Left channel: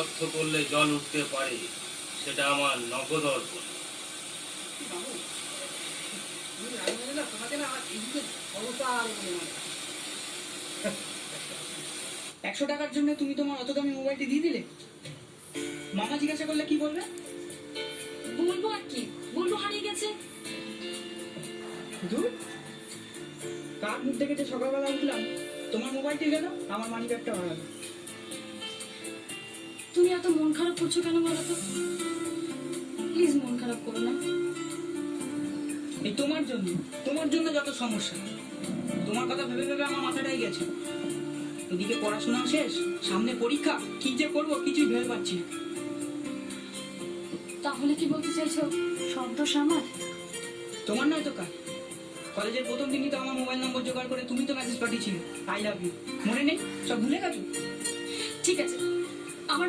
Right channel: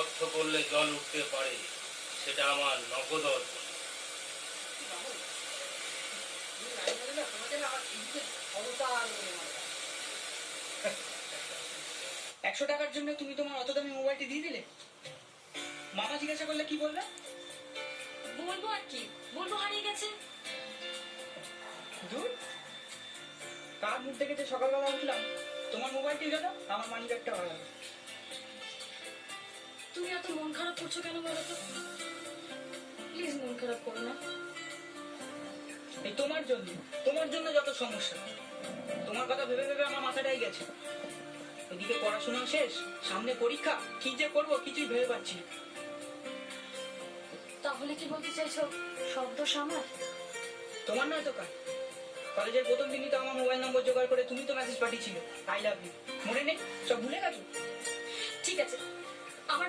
অকথ্য করলে জল উঠতে পারে, সেটা আমার নগদ অর্পণ। 100 টাকার জন্য তুমি তোমার অত দামি মোবাইলটি দিয়ে দিলে? মামা জিজ্ঞাসা করলে কি বলবে? বলবো আর কি, বলবো হারিয়ে গেছে। দূর, কার মুখ দেখে যে সকালবেলা উঠলাম তোমার মোবাইলটি গেল, আমার মানি ব্যাগটা হারালো। তুমি এত মন খারাপ করছো কেন বলো তো? প্লিজ মন খারাপ করো না। এই তোমার জন্য যত সমস্যা। তোমার কথা ভেবে ভেবে আমার মাথাটাই গেছে। এদিকে পড়াশোনা শেষ, সামনে পরীক্ষা, কি যে করবো কিছুই ভেবে পাচ্ছি না। তাহলে কি বলতে চাইছো সব দোষ আমার? তোমার নয় তো কার? কলেজের প্রথম দিনই তো আমার মোবাইল নম্বর জোগাড় করে তুমি তো মেসেজ পাঠিয়েছিলে, আই লাভ ইউ। মনে নেই? সব ভুলে গেছো? ঠিক আছে,